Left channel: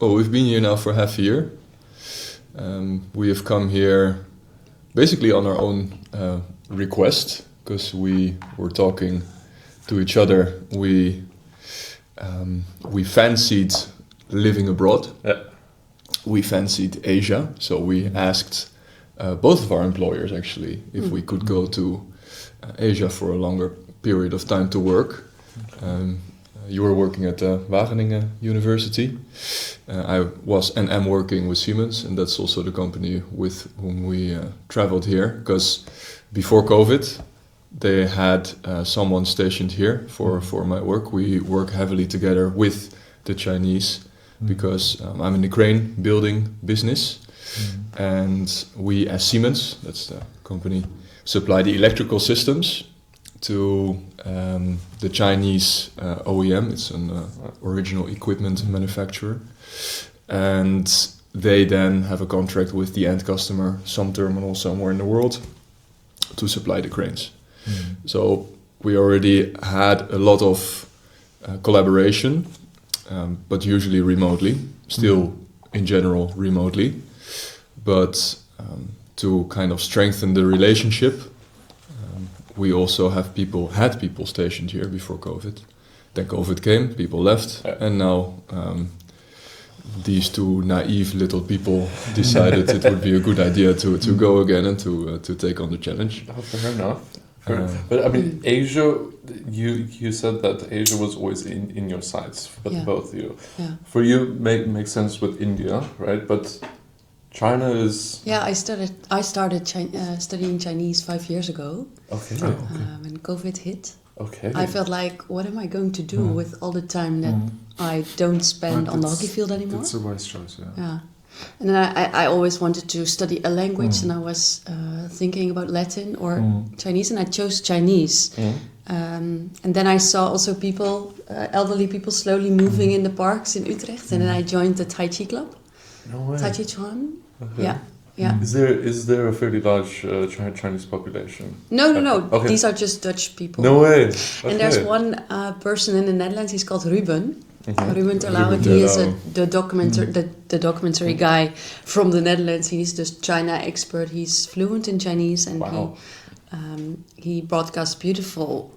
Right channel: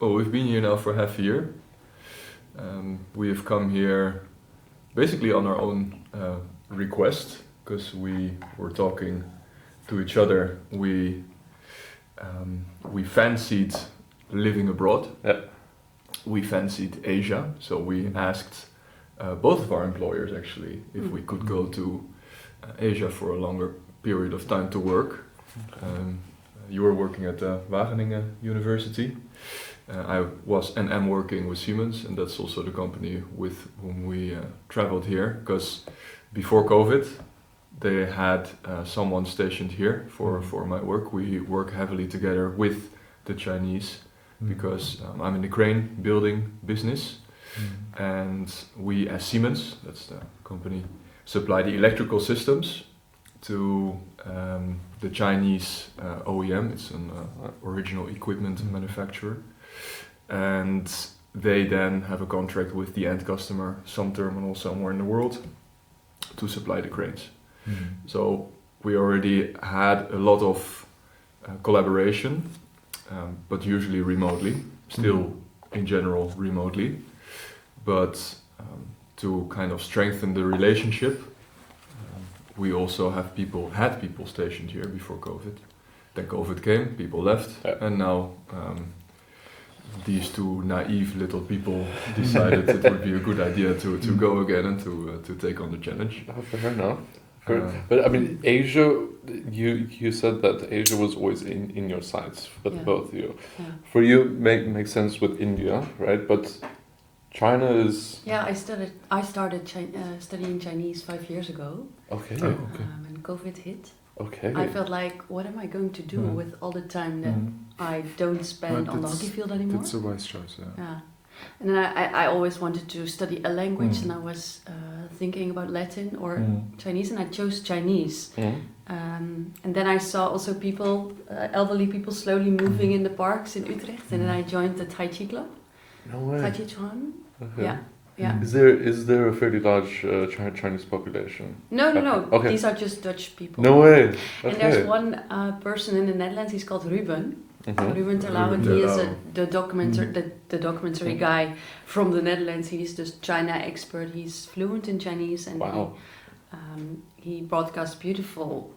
Well, we've been here now for half a year. We have come here basically on our own request, because we were talking to each other. We fancied living abroad. We fancied Asia, so we asked both of our employers actually if we could go to Asia for a longer period of time to work. You were working at Wageningen University. I was and am working with Siemens, and that's also the company with whom we traveled here, because before COVID they had someone stationed here for my work. We work heavily together with the Chinese because I'm in the crane building business, and we as Siemens, that's the company, supply the electrical systems to the Chinese OEM. It's an original equipment manufacturer, and they then have a contract with the end customer, some terminal somewhere in the world, to supply the cranes. So we already had a lot of collaboration, but usually remotely, still in general remotely. But to kind of strengthen the relationship, we also had people stationed here before COVID. Then COVID came, people left, and now these two naive little people decided it would be a good idea to go again and to take on the challenge. Fair enough. But I mean, Asia, you said that Asia was always in your sights for the both of you. Yeah. For you, makes sense with India, right? But China is... Yeah, I started studying Chinese 5 years ago. Okay. When COVID hit. Okay. I felt like, what am I going to do with all the time that I don't spend on the hockey field anymore? That's a wise choice, yeah. And then I always wanted to study a language, and I was thinking about Latin or Chinese, and I chose Chinese. And then I saw also people, elderly people, slowly moving in the parks in Utrecht, and then I joined the Tai Chi club. No way. Tai Chi Chuan. Okay. Yeah. Is there a fairly large Chinese population? No. Okay. These are just Dutch people. No way. Okay. And there's one person in the Netherlands. He's called Ruben. Ruben Terlouw. He is the documentary guy from the Netherlands. He's the China expert. He's fluent in Chinese, and he broadcasts beautiful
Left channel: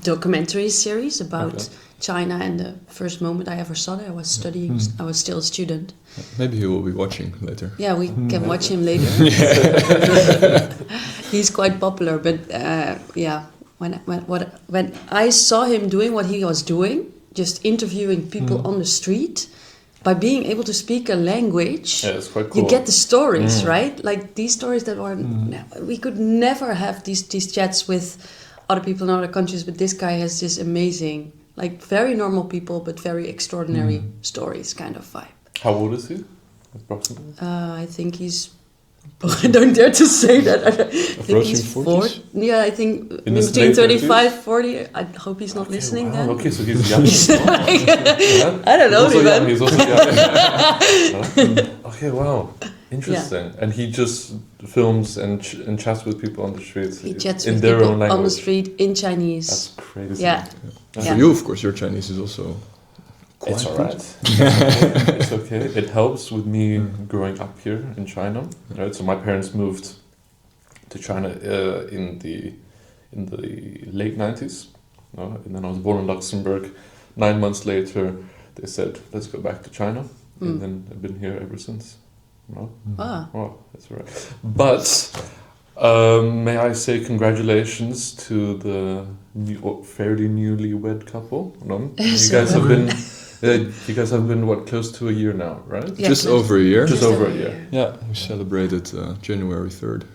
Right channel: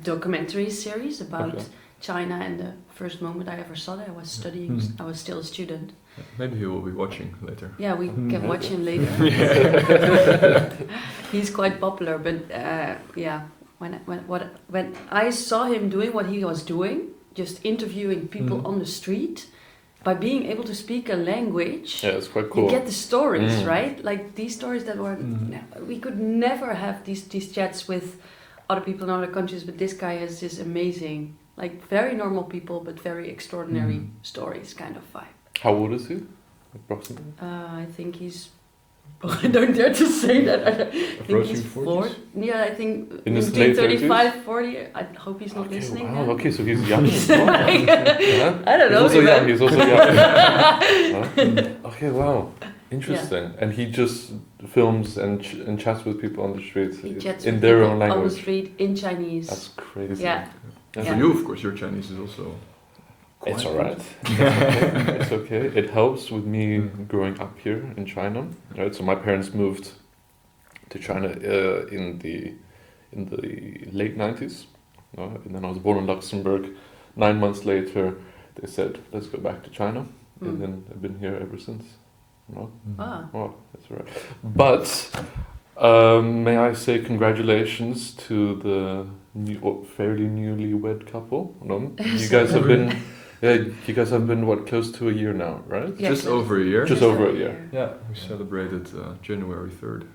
documentary series about China. And the first moment I ever saw it, I was studying. I was still a student. Maybe he will be watching later. Yeah, we can watch him later. He's quite popular, but when I saw him doing what he was doing, just interviewing people on the street, by being able to speak a language, it's quite cool. You get the stories, right? Like these stories that were we could never have these chats with other people in other countries, but this guy has this amazing, like very normal people, but very extraordinary stories kind of vibe. How old is he, approximately? I think he's... I don't dare to say that. I think he's 40. Yeah, I think in between 35, 40. I hope he's not listening then. Okay, so he's young. I don't know. He's also young. Okay, wow. Interesting. Yeah. And he just films and chats with people on the streets. He chats with people on the street in Chinese. That's crazy. Yeah. For you, of course, your Chinese is also... It's alright. It's okay. It helps with me growing up here in China. Right. So my parents moved to China in the late 90s. And then I was born in Luxembourg. 9 months later, they said, "Let's go back to China," and then I've been here ever since. No? Oh, that's all right. But may I say congratulations to the fairly newlywed couple? No? You guys have been, close to a year now, right? Yeah, just over a year. Just over a year. Yeah, we celebrated January 3rd.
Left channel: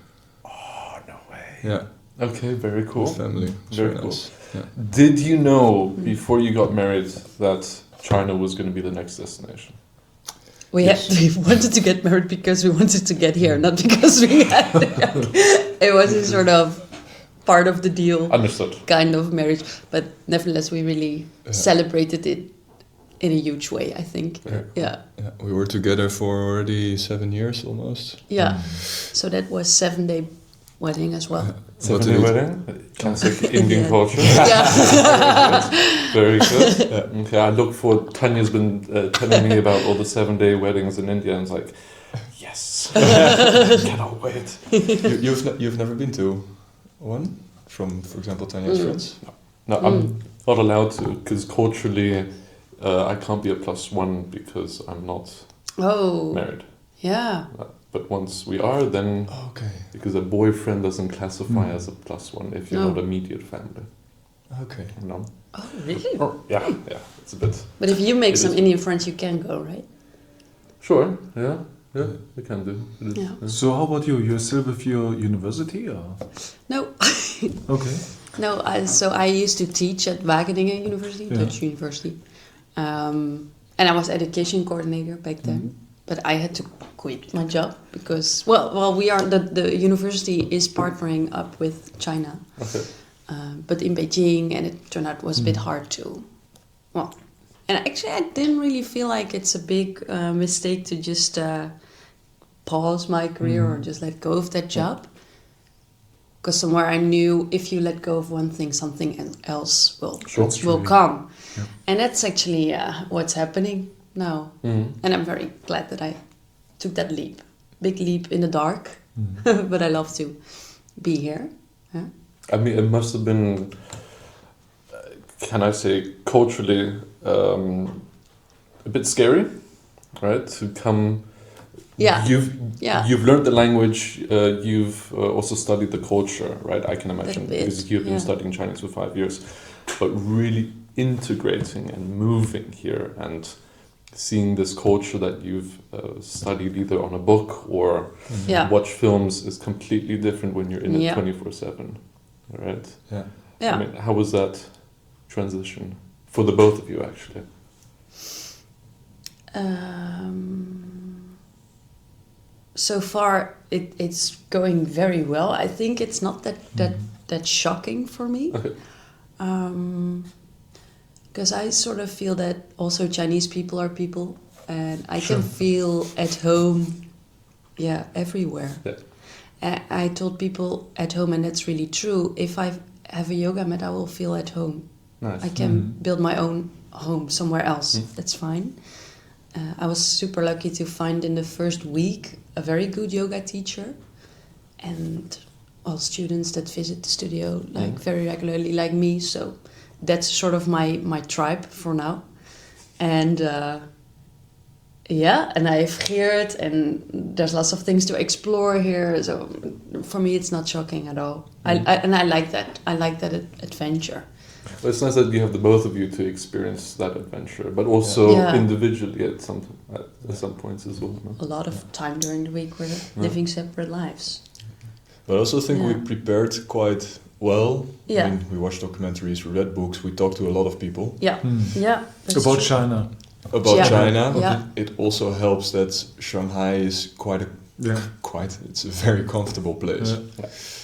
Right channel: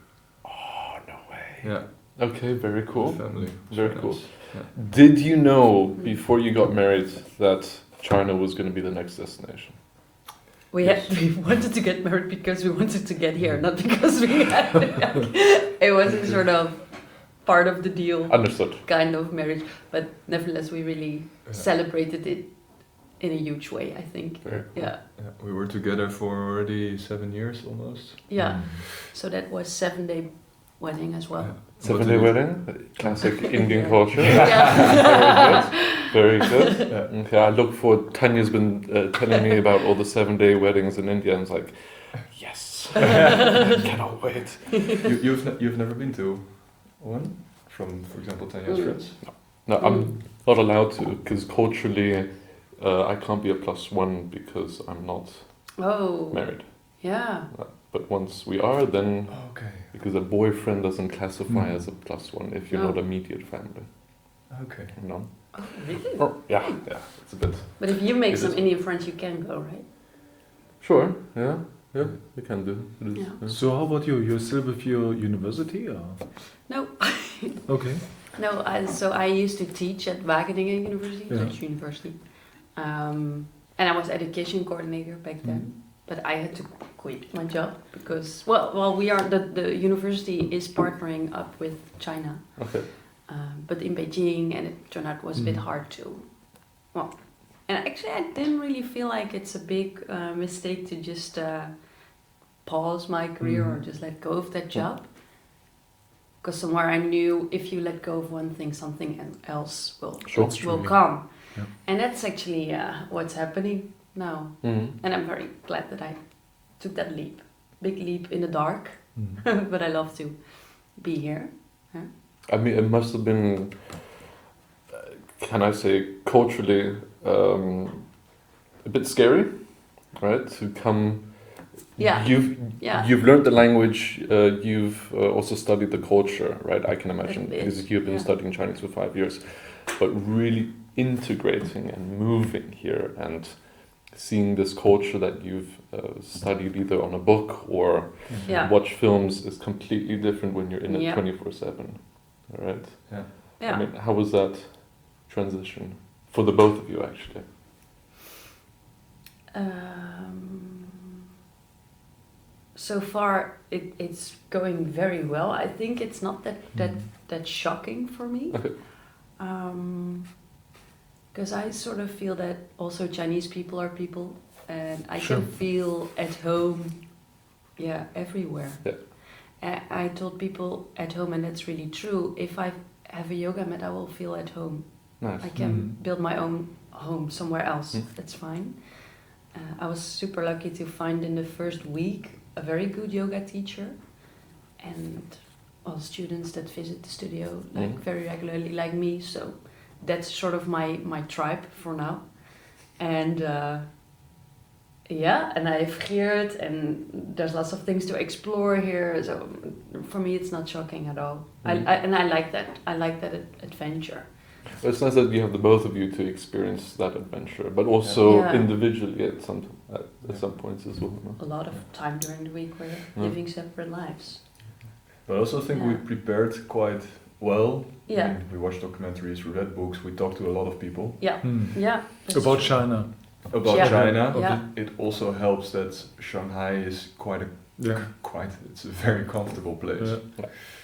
Oh, no way. Yeah. Okay, very cool. With family. Very cool. Nice. Yeah. Did you know, before you got married, that China was going to be the next destination? We wanted to get married because we wanted to get here, not because we had it was a sort of part of the deal. Understood. Kind of marriage. But nevertheless, we really celebrated it in a huge way, I think. Yeah. We were together for already 7 years almost. Yeah. So that was 7-day wedding as well. 7-day wedding? Classic Indian culture. Yeah. Very good. Okay, I look forward. Tanya's been telling me about all the 7-day weddings in India, and it's like, yes, cannot wait. You've never been to one from, for example, Tanya's friends? No, I'm not allowed to because culturally, I can't be a +1 because I'm not married. Yeah. But once we are, then because a boyfriend doesn't classify as a +1 if you're not immediate family. Okay. No. Oh, really? Or, yeah, it's a bit. But if you make some Indian friends, you can go, right? Sure. Yeah, we can do. Yeah. So how about you? You're still with your university, or? No. Okay. No, so I used to teach at Wageningen University, Dutch University. And I was education coordinator back then. But I had to quit my job because, we are, the university is partnering up with China. Okay. But in Beijing, and it turned out was a bit hard to, and actually I didn't really feel like it's a big mistake to just pause my career or just let go of that job. Because somewhere I knew if you let go of one thing, something else will come. Yeah. And that's actually what's happening now. And I'm very glad that I took that leap. Big leap in the dark, but I love to be here. Yeah. I mean, it must have been, can I say, culturally a bit scary, right? To come. Yeah. You've learned the language. You've also studied the culture, right? I can imagine because you've been studying Chinese for 5 years, but really integrating and moving here and seeing this culture that you've studied either on a book or watch films is completely different when you're in it 24/7, right? Yeah. I mean, how was that transition for the both of you, actually? So far, it's going very well. I think it's not that shocking for me. Okay. Because I sort of feel that also Chinese people are people, and I can feel at home, everywhere. Yeah. I told people at home, and that's really true, if I have a yoga mat, I will feel at home. Nice. I can build my own home somewhere else. That's fine. I was super lucky to find in the first week a very good yoga teacher, and students that visit the studio very regularly like me, so that's sort of my tribe for now. And and I have Geert, and there's lots of things to explore here, so for me it's not shocking at all. I like that. I like that adventure. It's nice that you have the both of you to experience that adventure, but also individually at some points as well. No? A lot of time during the week we're living separate lives. But I also think we prepared quite well. Yeah. I mean, we watched documentaries, we read books, we talked to a lot of people. Yeah. Yeah. About China. About China. Yeah. It also helps that Shanghai is it's a very comfortable place.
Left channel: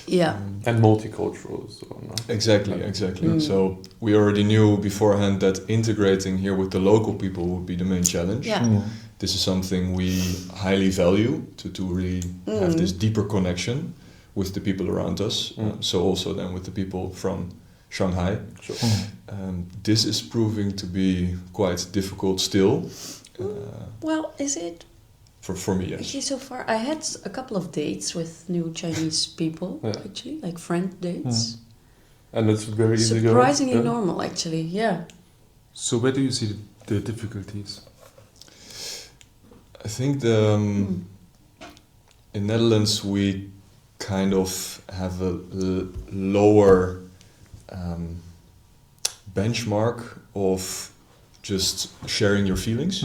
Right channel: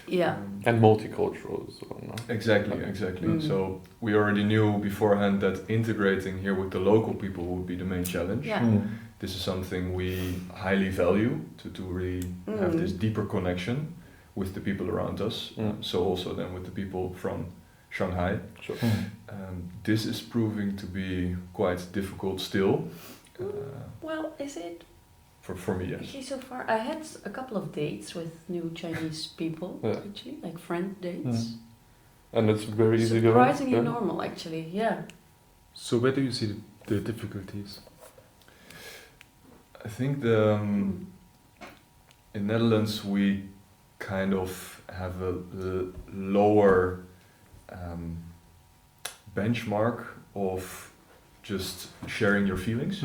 Yeah. And multicultural as well. No? Exactly. So we already knew beforehand that integrating here with the local people would be the main challenge. Yeah. This is something we highly value, to really have this deeper connection with the people around us. So also then with the people from Shanghai. Sure. This is proving to be quite difficult still. Is it? For me, yes. Actually, so far I had a couple of dates with new Chinese people, actually, like friend dates. And it's very easy. Surprisingly normal, actually, yeah. So where do you see the difficulties? I think in Netherlands we kind of have a lower benchmark of just sharing your feelings,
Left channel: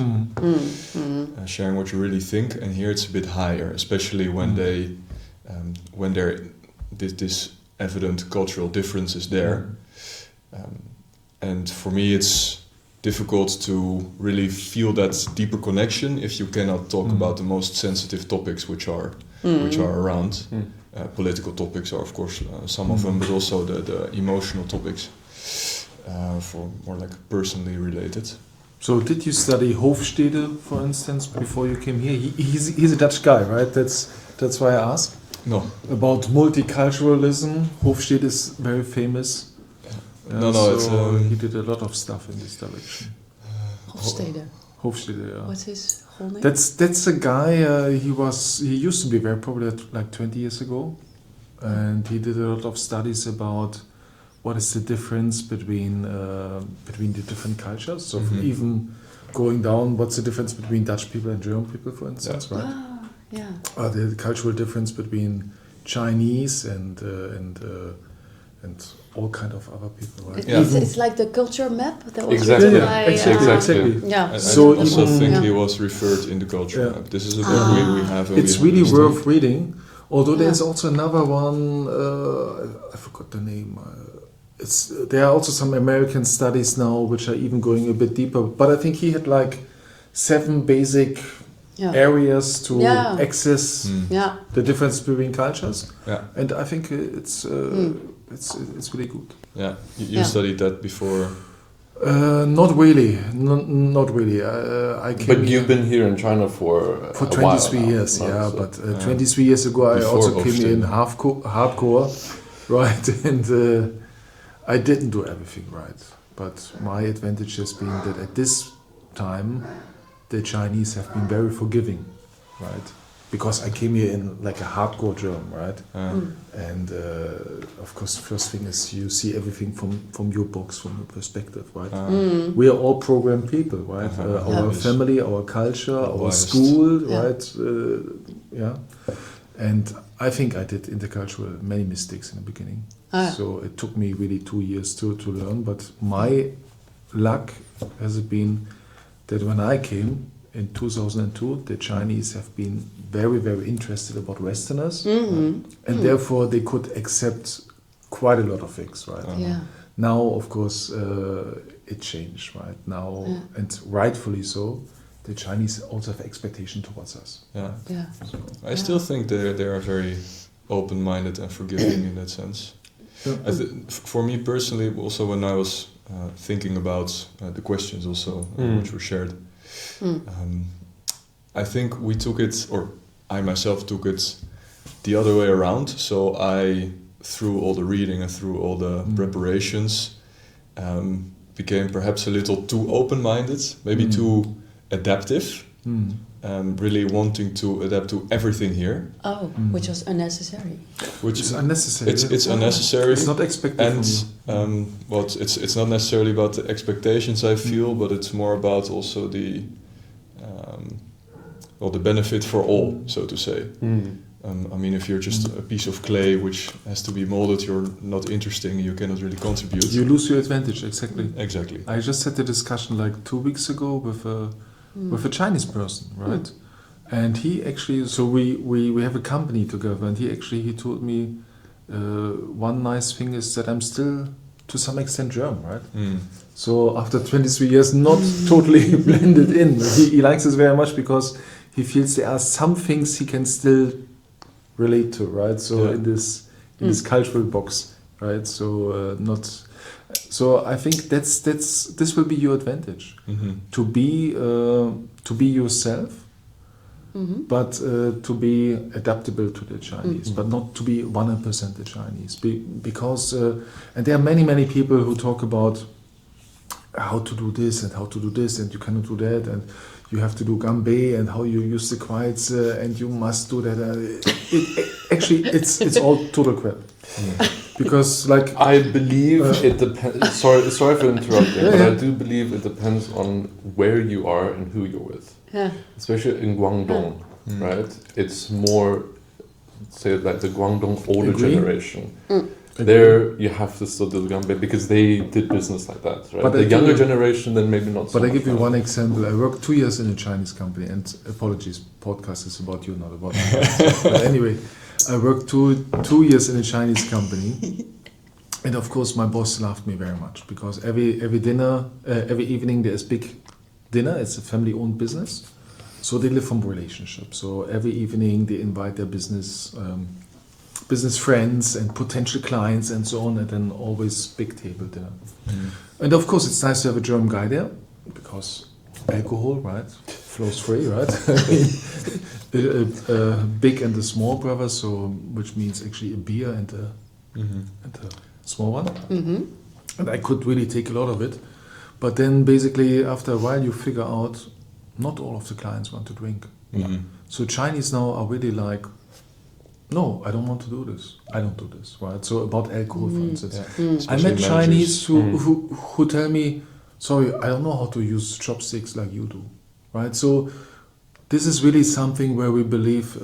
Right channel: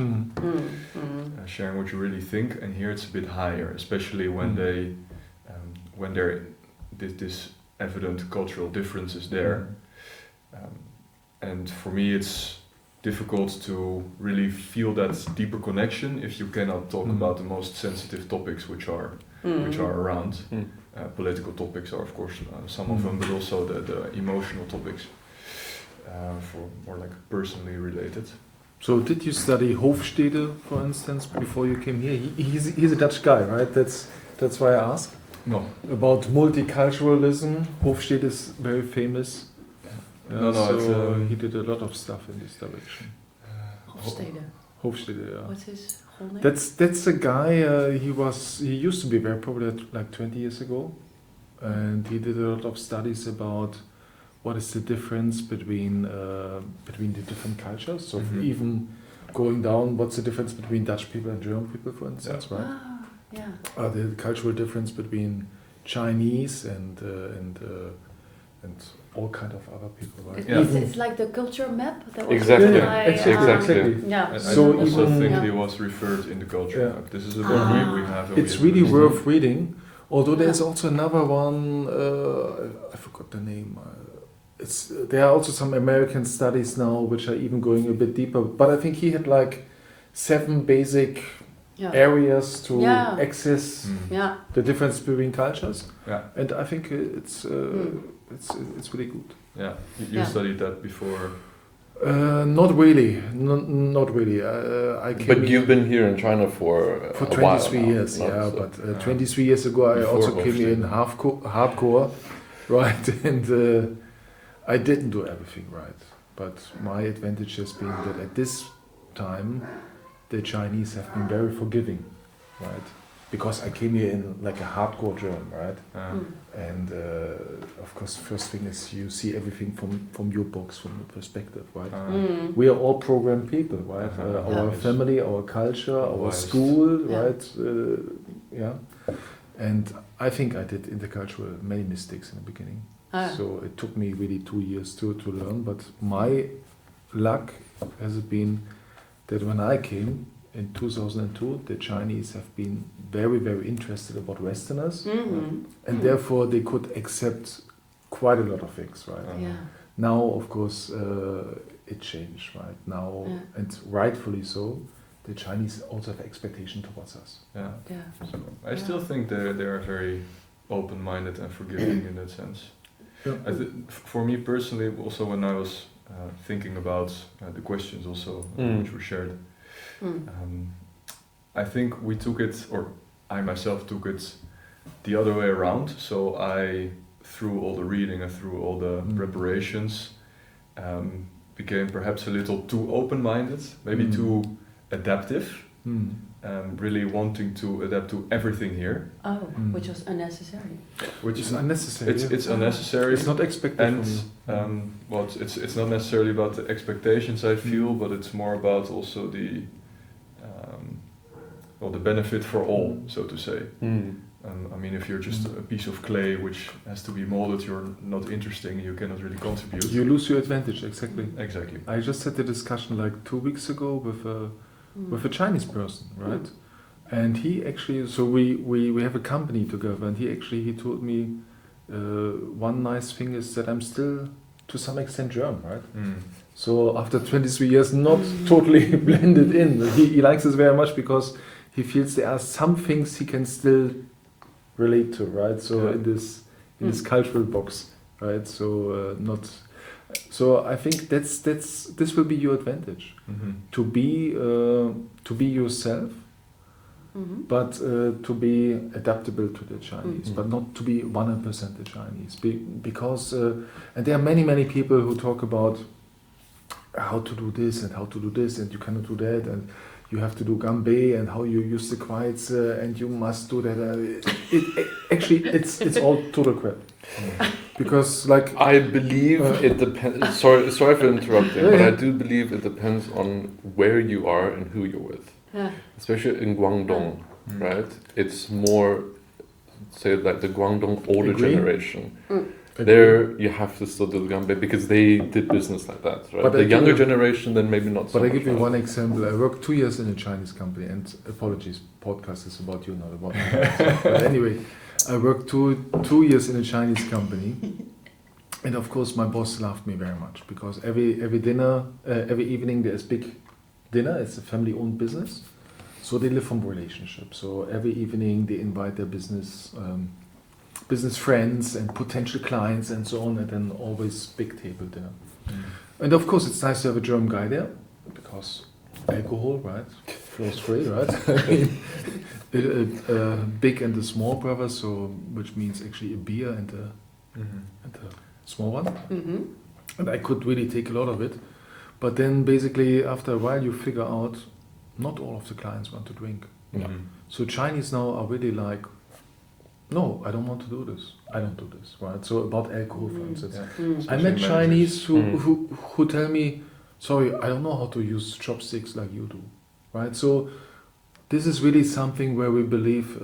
sharing what you really think, and here it's a bit higher, especially when this evident cultural difference is there. And for me, it's difficult to really feel that deeper connection if you cannot talk about the most sensitive topics which are around. Political topics are, of course, some of them, but also the emotional topics. For more like personally related. So did you study Hofstede, for instance, before you came here? He's a Dutch guy, right? That's why I asked. No. About multiculturalism. Hofstede is very famous. He did a lot of stuff in this direction. Hofstede. Hofstede, yeah. What's his whole name? That's a guy. He used to be very popular like 20 years ago, and he did a lot of studies about what is the difference between the different cultures. So even going down, what's the difference between Dutch people and German people, for instance, right? Ah, yeah. The cultural difference between Chinese and all kind of other people, right? It's like the culture map that was Exactly. written by... Exactly. Yeah. I So also even- think Yeah. he was referred in the culture Yeah. map. This is a book we have. And It's we really have worth reading. Although there's Yeah. also another one, I forgot the name. There are also some American studies now which are even going a bit deeper. But I think he had like 7 basic areas to Yeah. access Yeah. the difference between cultures. Yeah. And I think it's really good. Yeah, you studied that before. Not really. Not really. I came But you've been here in China for a 23 while years, now, yeah. so- But 23 years ago, I Before also came here in Hofstede. hardcore, right? And I didn't do everything right. But my advantage has been that at this time, the Chinese have been very forgiving, right? Because I came here in like a hardcore German, right? And of course, first thing is you see everything from your box, from your perspective, right? We are all programmed people, right? Our family, our culture, our Biased. school, Yeah. right? And I think I did intercultural many mistakes in the beginning. So it took me really 2 years to learn. But my luck has been that when I came in 2002, the Chinese have been very, very interested about Westerners, and therefore they could accept quite a lot of things, right? Yeah. Now, of course, it changed, right? Now, and rightfully so, the Chinese also have expectation towards us. Yeah. Yeah. I still think they are very open-minded and forgiving in that sense. For me personally, also when I was thinking about the questions also which were shared, I think we took it, or I myself took it the other way around. So I, through all the reading and through all the preparations, became perhaps a little too open-minded, maybe too adaptive, really wanting to adapt to everything here. Oh, which was unnecessary. Which It's unnecessary. It's unnecessary. It's not expected And from you. well, it's not necessarily about the expectations I feel, but it's more about also the the benefit for all, so to say. I mean, if you're just a piece of clay which has to be molded, you're not interesting. You cannot really contribute. You lose your advantage, exactly. Exactly. I just had a discussion like 2 weeks ago with a Chinese person, right? And he actually, so we have a company together, and he told me one nice thing is that I'm still to some extent German, right? So after 23 years, not totally blended in. He likes us very much because he feels there are some things he can still relate to, right? So in this cultural box, right? So So I think this will be your advantage to be yourself, but to be adaptable to the Chinese, but not to be 100% the Chinese. Because and there are many people who talk about how to do this and how to do this, and you cannot do that, and you have to do gambe and how you use the quiets, and you must do that. Actually, it's all total crap. Because I believe it depends. Sorry for interrupting, but I do believe it depends on where you are and who you're with. Yeah. Especially in Guangdong, right? It's more, say, like the Guangdong older generation. There you have to still do the gambe because they did business like that, right? But the younger generation, then maybe not so But I much, give you right? one example. I worked 2 years in a Chinese company, and apologies, podcast is about you, not about me. But anyway, I worked two years in a Chinese company, and of course my boss loved me very much because every dinner, every evening there's big dinner. It's a family-owned business, so they live from relationship. So every evening they invite their business friends and potential clients and so on, and then always big table dinner. And of course it's nice to have a German guy there because alcohol, right? flows free, right? a big and a small brother, so which means actually a beer and a small one. Mm-hmm. And I could really take a lot of it. But then basically after a while you figure out not all of the clients want to drink. Mm-hmm. So Chinese now are really like, no, I don't want to do this. I don't do this, right? So about alcohol, for instance. I met Chinese who tell me, sorry, I don't know how to use chopsticks like you do, right? So this is really something where we believe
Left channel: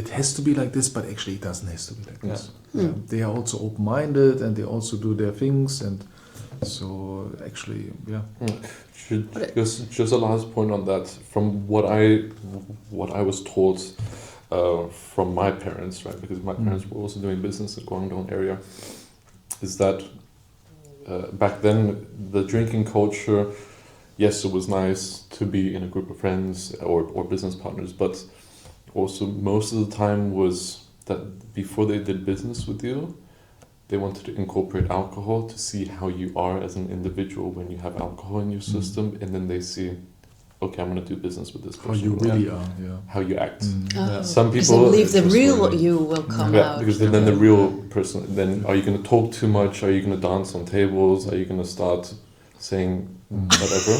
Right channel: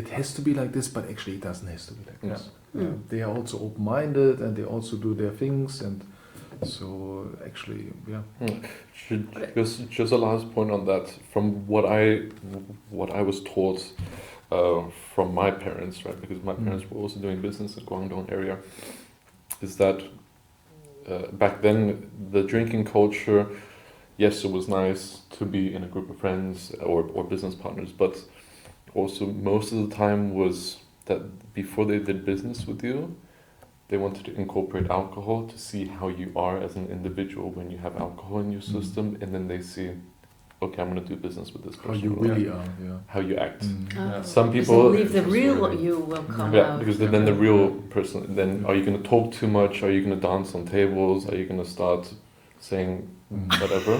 it has to be like this, but actually it doesn't have to be like this. Yeah. They are also open-minded and they also do their things, and so actually, Just a last point on that. From what I was taught from my parents, right? Because my parents were also doing business in Guangdong area. Is that back then the drinking culture? Yes, it was nice to be in a group of friends or business partners, but also most of the time was that before they did business with you, they wanted to incorporate alcohol to see how you are as an individual when you have alcohol in your system, and then they see, okay, I'm going to do business with this person. How you really are, how you act. Oh. Some Because people I believe the real you will come out. because then the real person. Then are you going to talk too much? Are you going to dance on tables? Are you going to start saying whatever?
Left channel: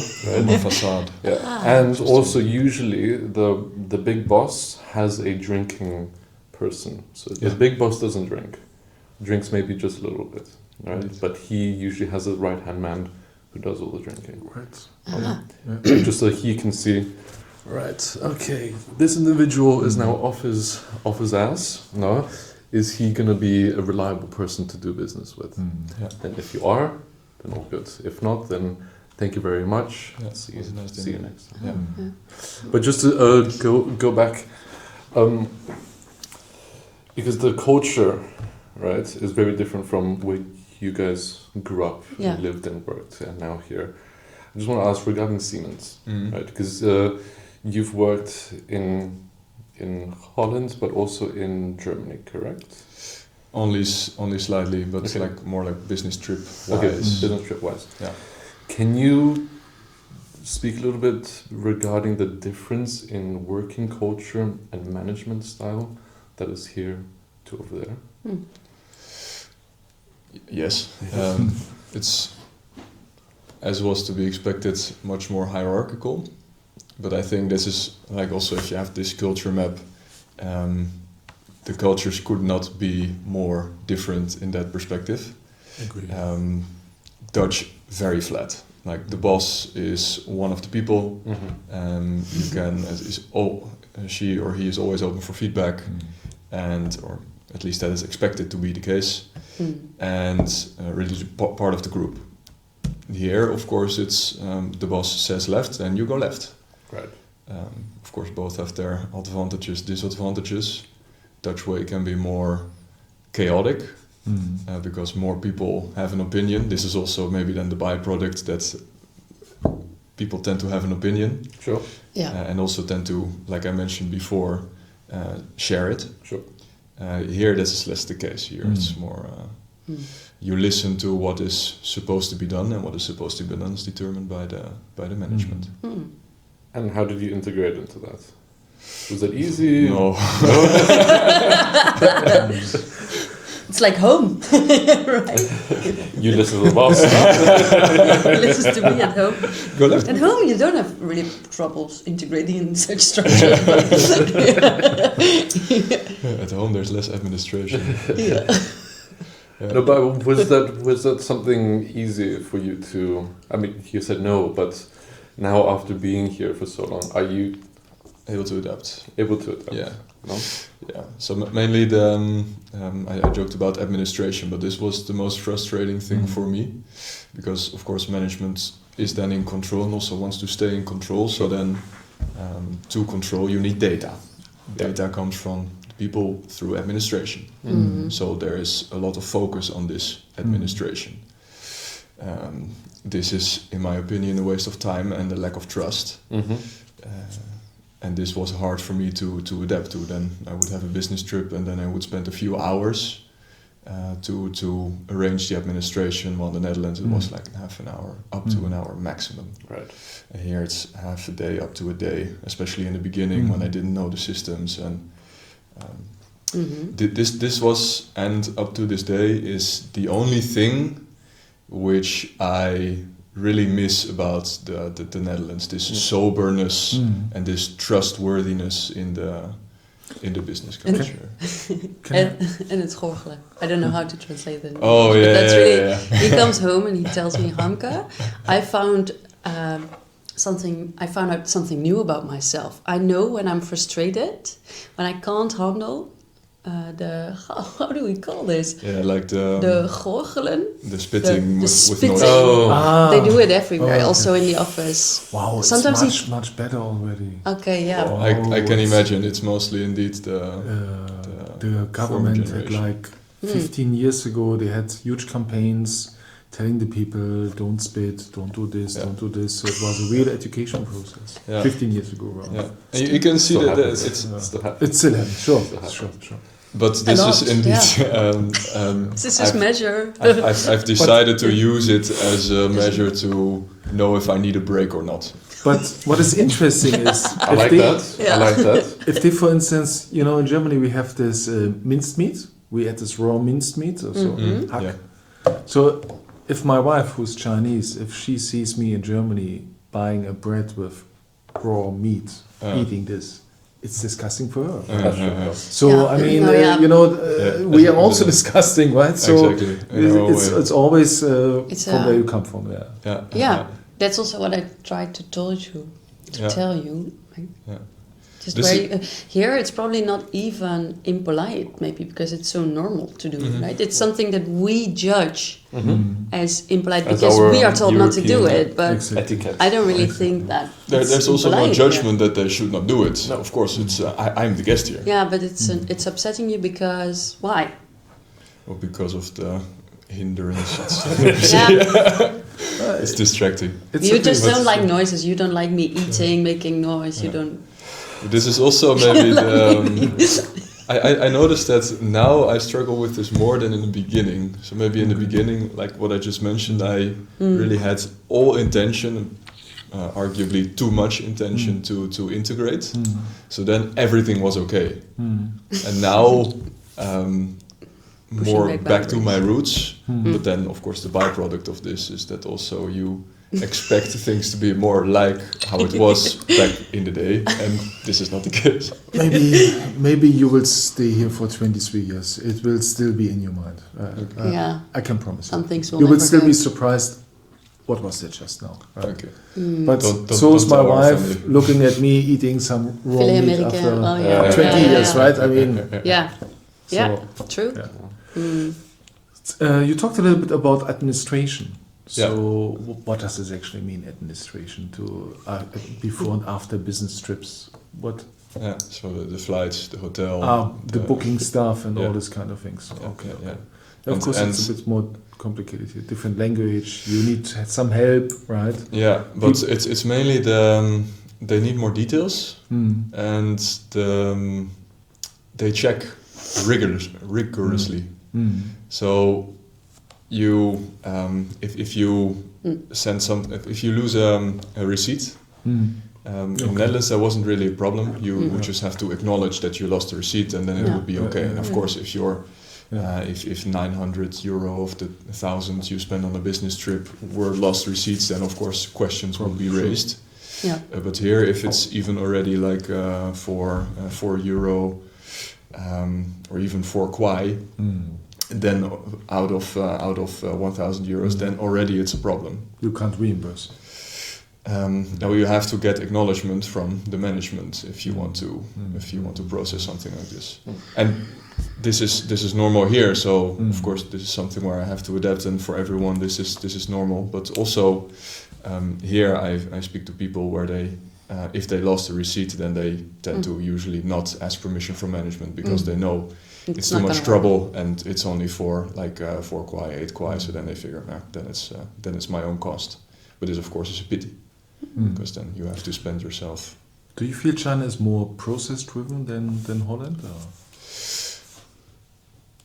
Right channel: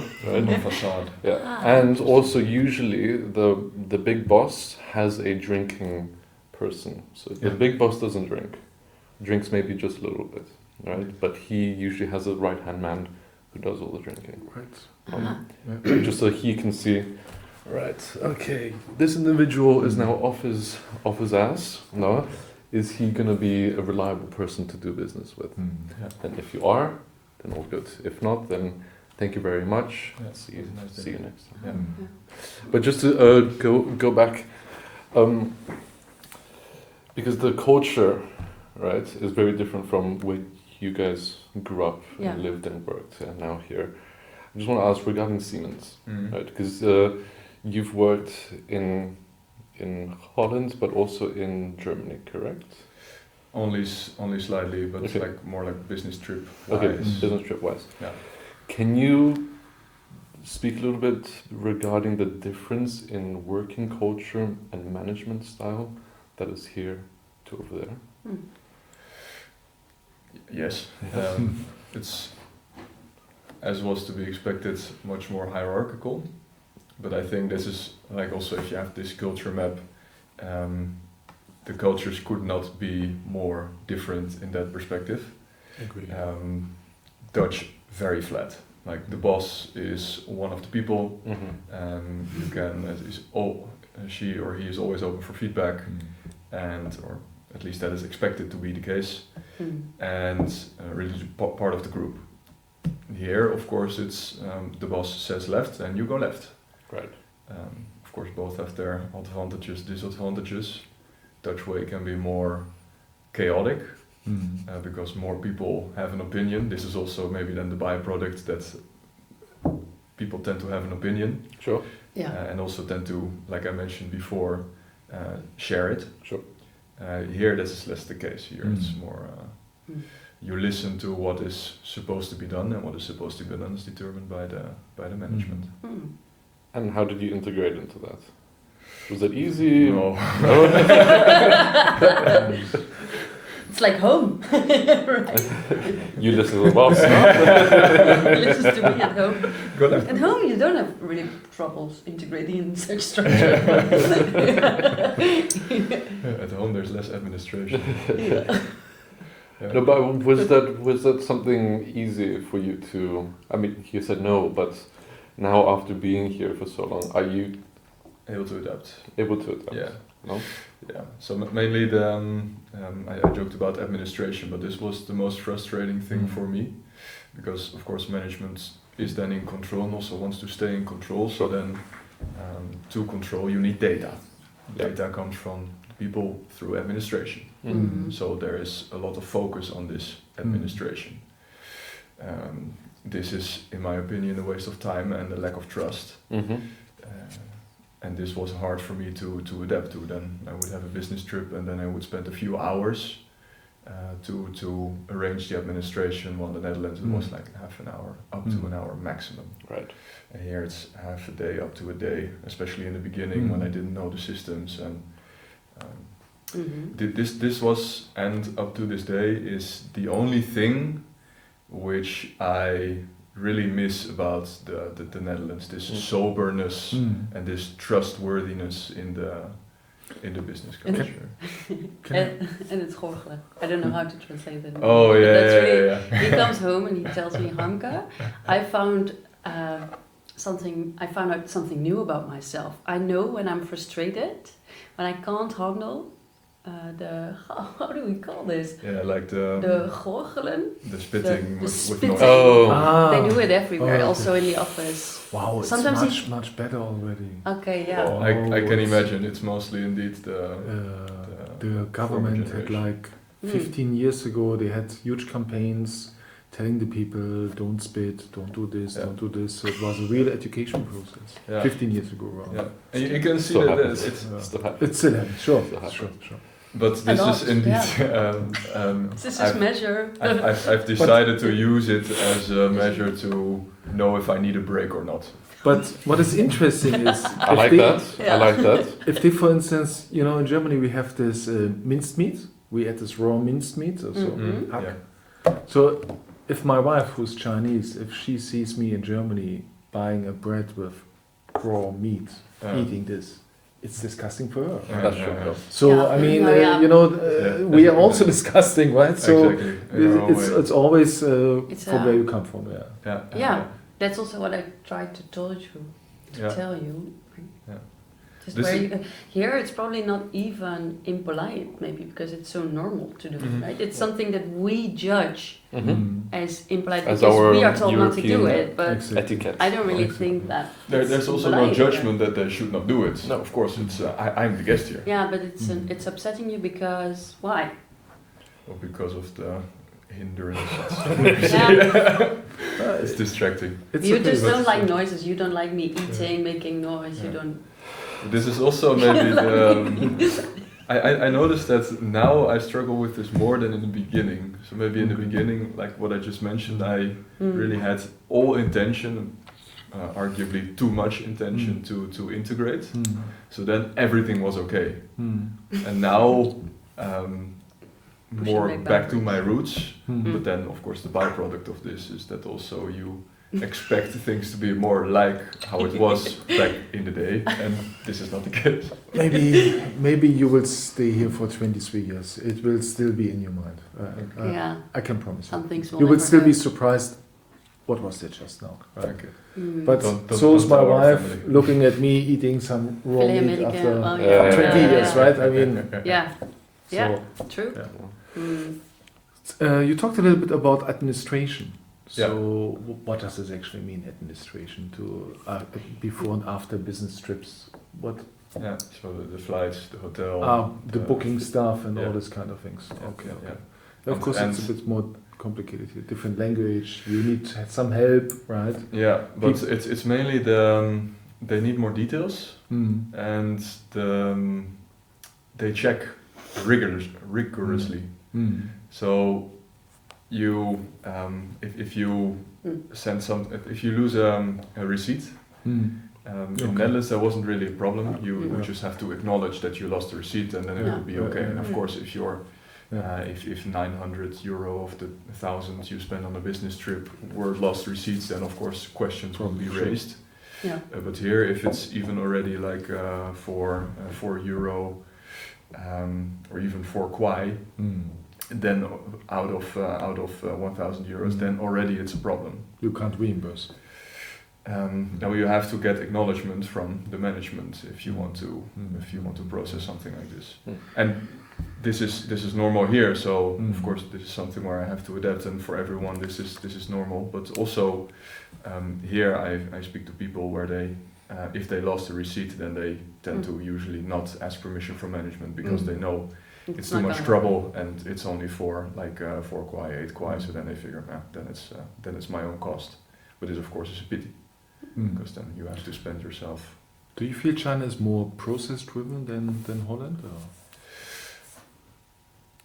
Right? Facade. Yeah. And also usually the big boss has a drinking person. So the big boss doesn't drink. Drinks maybe just a little bit, right? Yes. But he usually has a right-hand man who does all the drinking. right? Just so he can see, right, okay, this individual is now off his ass, no? Is he going to be a reliable person to do business with? And if you are, then all good. If not, then thank you very much. See you next time. But just to go back, because the culture, right, is very different from where you guys grew up, lived and worked, and now here. I just want to ask regarding Siemens, right? Because you've worked in Holland, but also in Germany, correct? Only slightly, but it's like more like business trip wise. Okay, business trip wise. Yeah. Can you speak a little bit regarding the difference in working culture and management style that is here to over there? Yes, it's, as was to be expected, much more hierarchical. But I think this is like also if you have this culture map, the cultures could not be more different in that perspective. Agree. Dutch, very flat. Like the boss is one of the people. You can, she or he is always open for feedback, or at least that is expected to be the case. And really part of the group. Here, of course, it's the boss says left and you go left. Right. Of course, both have their advantages, disadvantages. Dutch way can be more chaotic because more people have an opinion. This is also maybe then the byproduct that people tend to have an opinion. Sure. And also tend to, like I mentioned before, share it. Sure. Here, this is less the case. Here, it's more you listen to what is supposed to be done, and what is supposed to be done is determined by the management. And how did you integrate into that? Was it easy? No. It's like home. You listen to the boss. He listens to me at home. Go left. At home, you don't have really troubles integrating in such structure. At home, there's less administration. No, but was that something easy for you to? I mean, you said no, but now after being here for so long, are you Able to adapt. able to adapt? Yeah. No? Yeah. So mainly I joked about administration, but this was the most frustrating thing for me, because of course management is then in control and also wants to stay in control. So then to control you need data. Data comes from people through administration. So there is a lot of focus on this administration. This is, in my opinion, a waste of time and a lack of trust. And this was hard for me to adapt to. Then I would have a business trip and then I would spend a few hours to arrange the administration. While in the Netherlands it was like half an hour, up to an hour maximum. Right. And here it's half a day, up to a day, especially in the beginning when I didn't know the systems. And this was, and up to this day, is the only thing which I really miss about the Netherlands. This soberness and this trustworthiness in the business culture. And it's gorgelen. I don't know how to translate that. Oh yeah, That's really. yeah. He comes home and he tells me, Harmke, I found out something new about myself. I know when I'm frustrated, when I can't handle how do we call this? Yeah, like the gorgelen. The spitting with spitting. noise. They do it everywhere, also in the office. Wow, Sometimes it's much better already. Okay, yeah. I can imagine it's mostly indeed the government had like 15 years ago, they had huge campaigns telling the people, don't spit, don't do this, don't do this. So it was a real education process. 15 years ago. Yeah. And you can see that it's still happening. It's still happening, sure. But this is indeed. This is measure. I've decided to use it as a measure to know if I need a break or not. But what is interesting is I like that. If they, for instance, in Germany we have this minced meat. We had this raw minced meat, hack. Yeah. So if my wife, who's Chinese, if she sees me in Germany buying a bread with raw meat, eating this, it's disgusting for her. So I mean, we are also disgusting, right? So exactly. it's always from where you come from. Yeah. That's also what I tried to tell you. Just where here it's probably not even impolite, maybe because it's so normal to do, right? It's something that we judge as impolite because we are told not to do it. But I don't really think that. There's also no judgment that they should not do it. No, of course, it's I'm the guest here. Yeah, but it's upsetting you because why? Well, because of the hindrance. It's distracting. You just don't like noises. You don't like me eating, making noise. You don't. This is also maybe I noticed that now I struggle with this more than in the beginning. So maybe in the beginning, like what I just mentioned, I really had all intention, arguably too much intention to integrate. So then everything was okay. And now more back to my roots. But then of course the byproduct of this is that also you expect things to be more like how it was back in the day, and this is not the case. Maybe you will stay here for 23 years. It will still be in your mind. I can promise you. Some things you will still be surprised. What was it just now? Right? Okay. But so is my wife looking at me eating some raw meat after 20 years, right? I mean, true. You talked a little bit about administration. So what does this actually mean, administration, to before and after business trips? What? Yeah, so the flights, the hotel, the booking stuff and all this kind of things. Of course, it's a bit more complicated here. Different language. You need some help, right? Yeah, but it's mainly they need more details and they check rigorously. So you if you send if you lose a receipt in Netherlands, there wasn't really a problem. You just have to acknowledge that you lost the receipt, and then it would be okay. And of course, if you're if 900 euro of the 1,000 you spend on a business trip were lost receipts, then of course questions will be raised. But here, if it's even already like €4 or even 4 kwai, then out of 1,000 euros, then already it's a problem. You can't reimburse. No, you have to get acknowledgement from the management if you want to process something like this. And this is normal here. So of course this is something where I have to adapt, and for everyone this is normal. But also here I speak to people where they if they lost a receipt, then they tend to usually not ask permission from management because they know it's too much trouble, and it's only for like 4 kwai, 8 kwai. So then they figure, then it's my own cost. But this, of course, is a pity because then you have to spend yourself. Do you feel China is more process driven than Holland?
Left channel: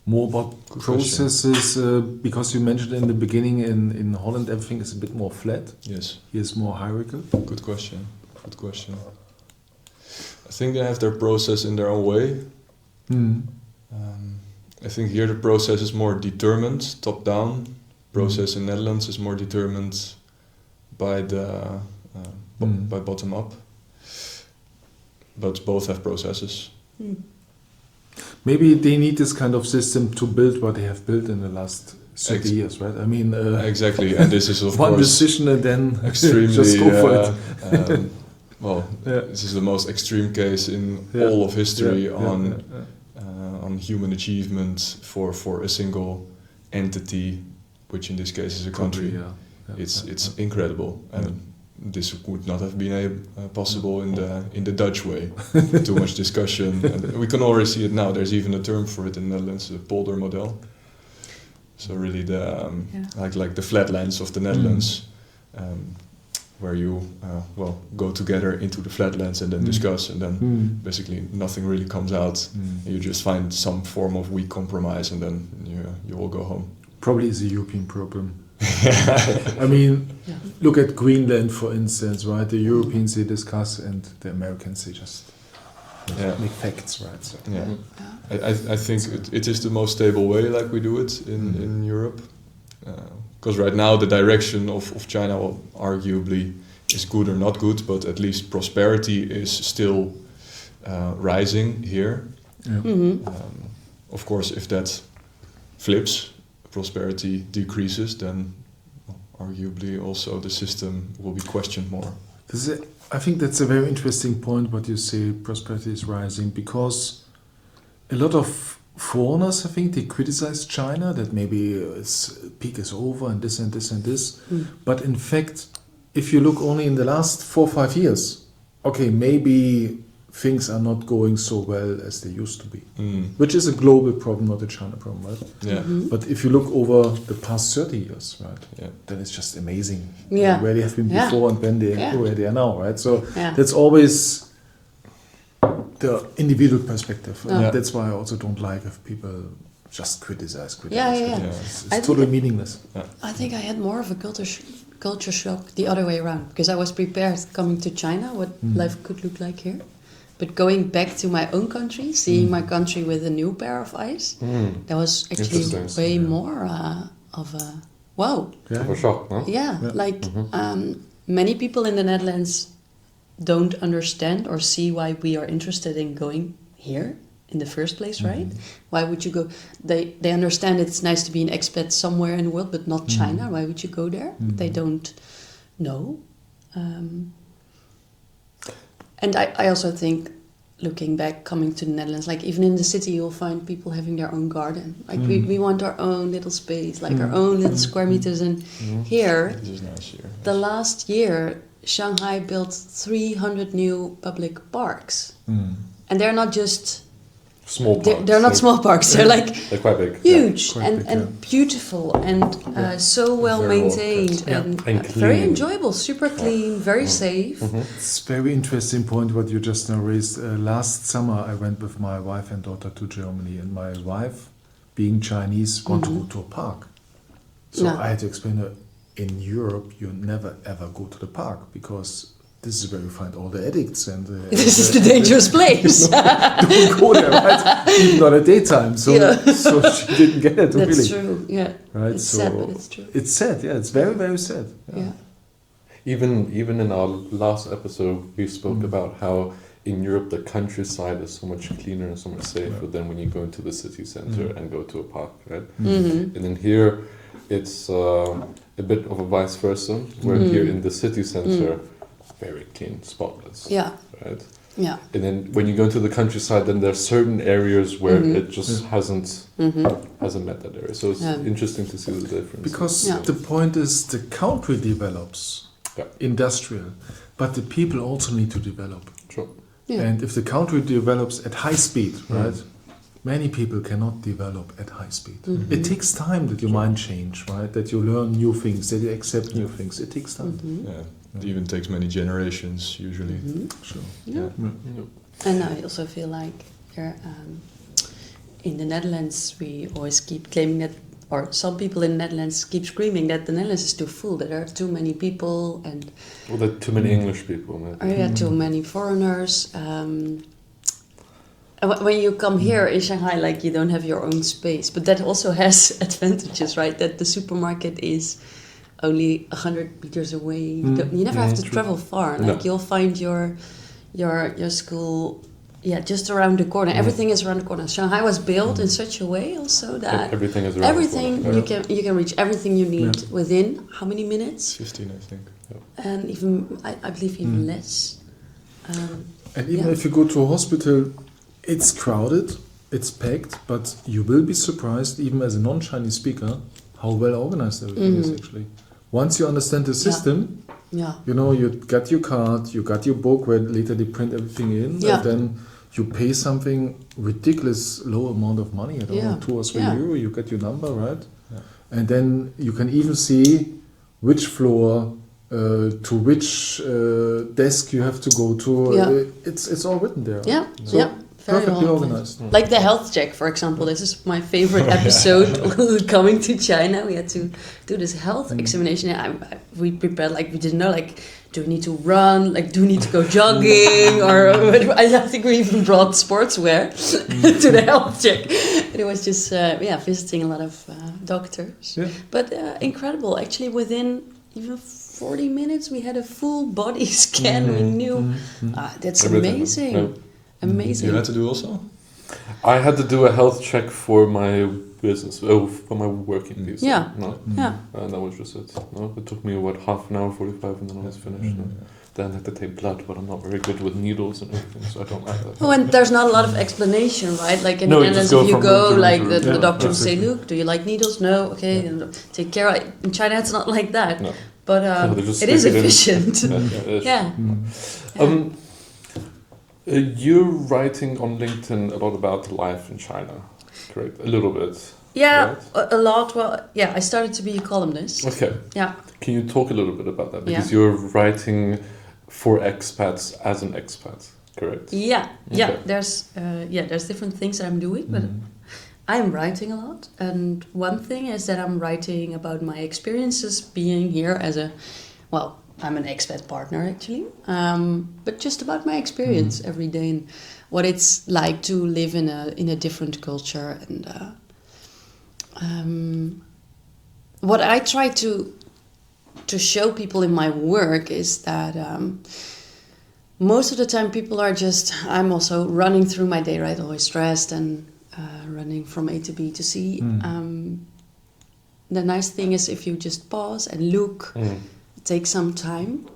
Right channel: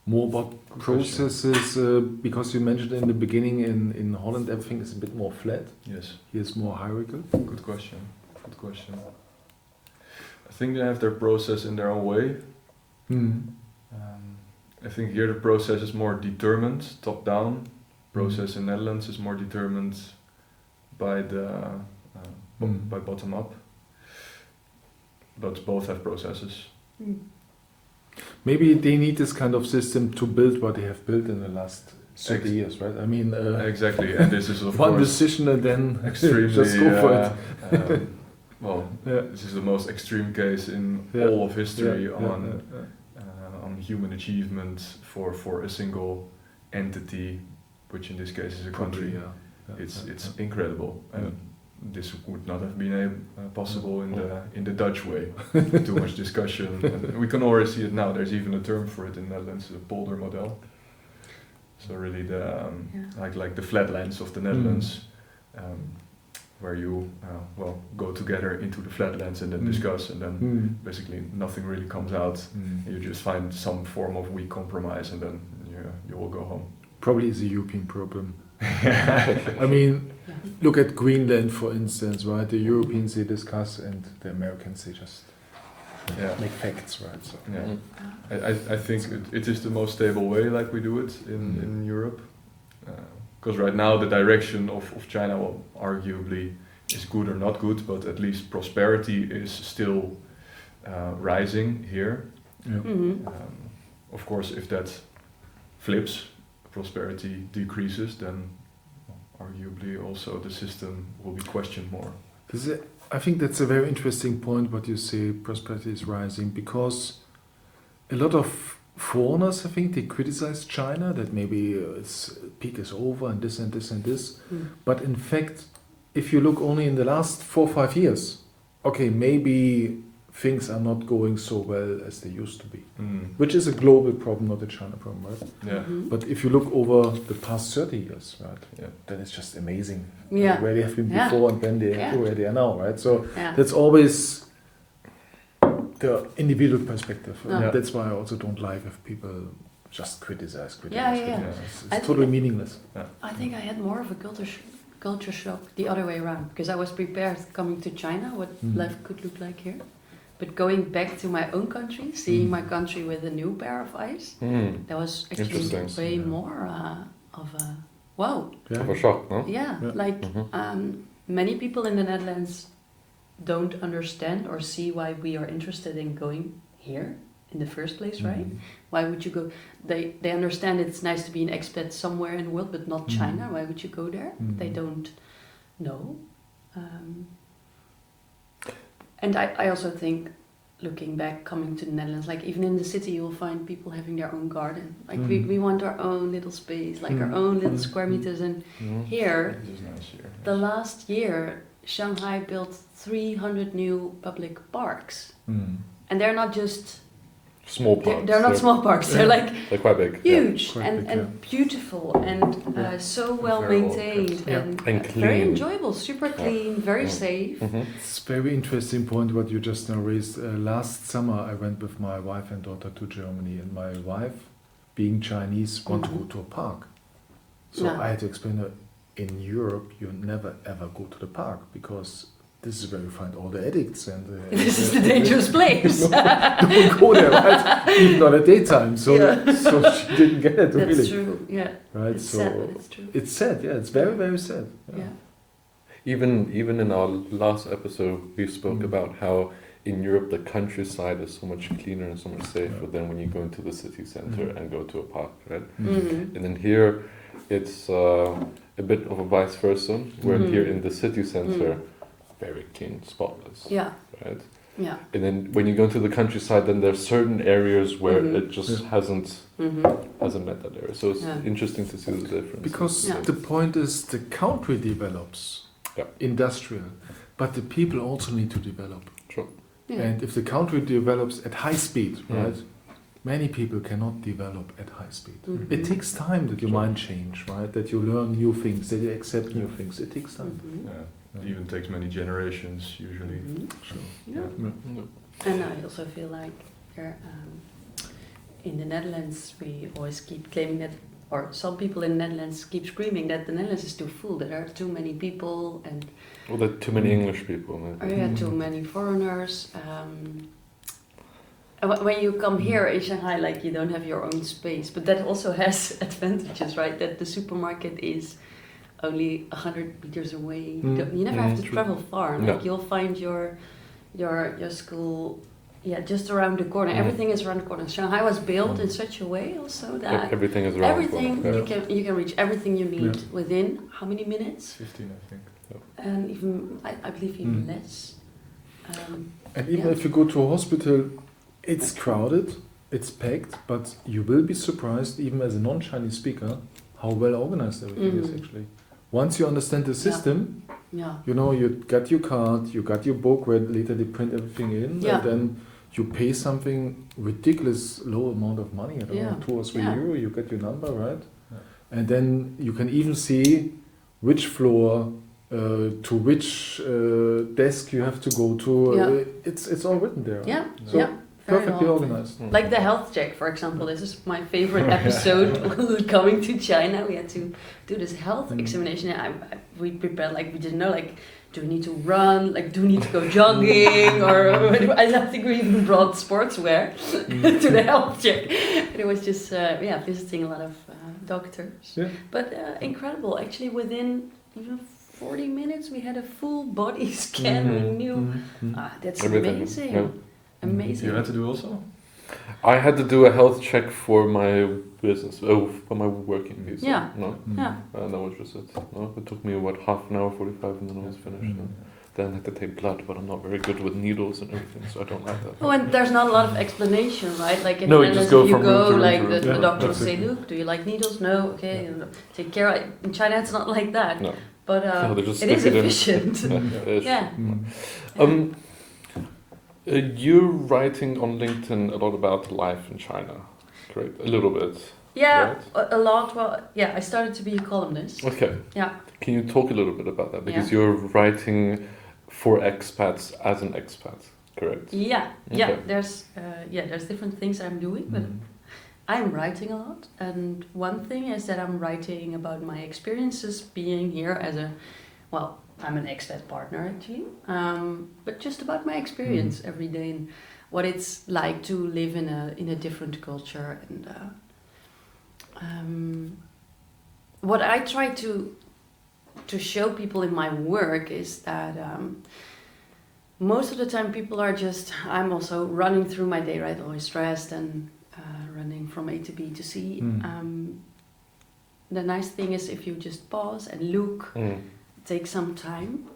more about processes, because you mentioned in the beginning in Holland everything is a bit more flat. Yes. Here's more hierarchical. Good question. I think they have their process in their own way. I think here the process is more determined, top down. Process in Netherlands is more determined by the by bottom up. But both have processes. Maybe they need this kind of system to build what they have built in the last 30 years, right? I mean, exactly, and this is of one course decision and then extremely. just go for it. This is the most extreme case in all of history on human achievement for a single entity, which in this case is a country. It's incredible, and this would not have been possible in the Dutch way. Too much discussion, and we can already see it now. There's even a term for it in the Netherlands, the polder model. So really the like the flatlands of the Netherlands, where you go together into the flatlands and then discuss, and then basically nothing really comes out. You just find some form of weak compromise, and then you all go home. Probably is a European problem. I mean, look at Greenland, for instance, right? The Europeans, they discuss, and the Americans, they just make facts, right? So. I think it is the most stable way, like we do it in Europe. Because right now the direction of China arguably is good or not good, but at least prosperity is still rising here. Of course, if that flips, prosperity decreases, then arguably also the system will be questioned more. I think that's a very interesting point, what you say, prosperity is rising, because a lot of foreigners, I think, they criticize China, that maybe its peak is over and this and this and this. But in fact, if you look only in the last 4 or 5 years, okay, maybe things are not going so well as they used to be, which is a global problem, not a China problem, right? Yeah. But if you look over the past 30 years, right, then it's just amazing where they have been before and then where they are now, right? So that's always the individual perspective. That's why I also don't like if people just criticize. It's totally meaningless. I think I had more of a culture shock the other way around, because I was prepared coming to China, what life could look like here. But going back to my own country, seeing my country with a new pair of eyes, that was actually way more of a wow. Of a shock, no? Many people in the Netherlands don't understand or see why we are interested in going here in the first place, right? Why would you go? They understand it's nice to be an expat somewhere in the world, but not China. Why would you go there? They don't know. And I also think, looking back, coming to the Netherlands, like even in the city, you'll find people having their own garden. Like we want our own little space, like our own little square meters. And here, the last year, Shanghai built 300 new public parks. And they're not just small parks. They're not small parks. They're like they're quite big. Huge and beautiful and so well maintained and very enjoyable, super clean, very safe. It's a very interesting point what you just now raised. Last summer I went with my wife and daughter to Germany, and my wife, being Chinese, wanted to go to a park. So I had to explain to her, in Europe you never ever go to the park, because this is where you find all the addicts and this is the dangerous place. Don't go there, right? Even not at daytime. So she didn't get it. That's really. true. Yeah. Right. It's sad, but it's true. It's sad. Yeah. It's very, very sad. Yeah. Even in our last episode, we spoke about how in Europe the countryside is so much cleaner and so much safer than when you go into the city center and go to a park, right? And then here, it's a bit of a vice versa, where here in the city center, very clean, spotless. Yeah. Right. Yeah. And then when you go to the countryside, then there's certain areas where it just hasn't met that area. So it's interesting to see the difference. Because the point is, the country develops industrial, but the people also need to develop. Sure. Yeah. And if the country develops at high speed, right? Many people cannot develop at high speed. It takes time that your mind change, right? That you learn new things, that you accept new things. It takes time. It even takes many generations usually. And I also feel like in the Netherlands, we always keep claiming that, or some people in the Netherlands keep screaming that the Netherlands is too full, that there are too many people and Well, there are too many English people. too many foreigners. When you come here in Shanghai, like you don't have your own space, but that also has advantages, right? That the supermarket is only 100 meters away. You never have to travel far. Like you'll find your school, just around the corner. Everything is around the corner. Shanghai was built in such a way also that everything is around the corner. you can reach everything you need within how many minutes? 15, I think. And even I believe even less. And even if you go to a hospital, it's crowded, it's packed, but you will be surprised, even as a non-Chinese speaker, how well organized everything is actually. Once you understand the system, you know, you got your card, you got your book where later they print everything in, and then you pay something ridiculous low amount of money, I don't know, 2 or 3 euro, you get your number, right? Yeah. And then you can even see which floor to which desk you have to go to. It's all written there. Yeah, so perfectly organized. Like the health check, for example. This is my favorite episode. Coming to China, we had to do this health examination. We prepared, like we didn't know, like, do we need to run? Like, do we need to go jogging? Or I think we even brought sportswear to the health check. And it was just visiting a lot of doctors. Yeah. But incredible. Actually, within even 40 minutes, we had a full body scan. We knew that's amazing. Yeah. Amazing. You had to do also? I had to do a health check for my business, for my working visa. Yeah. That was just it. No, it took me half an hour, 45, and then I was finished. Then I had to take blood, but I'm not very good with needles and everything, so I don't like that. Oh, and there's not a lot of explanation, right? Like in the Netherlands, if you go, like the doctor will say, "Look, do you like needles? No, okay, take care." In China, it's not like that. No. But it is efficient. You're writing on LinkedIn a lot about life in China, correct? A little bit. Yeah, right? A lot. Well, I started to be a columnist. Okay. Yeah. Can you talk a little bit about that? Because you're writing for expats as an expat, correct? Yeah. Okay. Yeah. There's different things I'm doing, but I'm writing a lot. And one thing is that I'm writing about my experiences being here as I'm an expat partner actually, but just about my experience every day and what it's like to live in a different culture, and what I try to show people in my work is that most of the time people are I'm also running through my day, right? Always stressed and running from A to B to C. The nice thing is if you just pause and look. Take some time,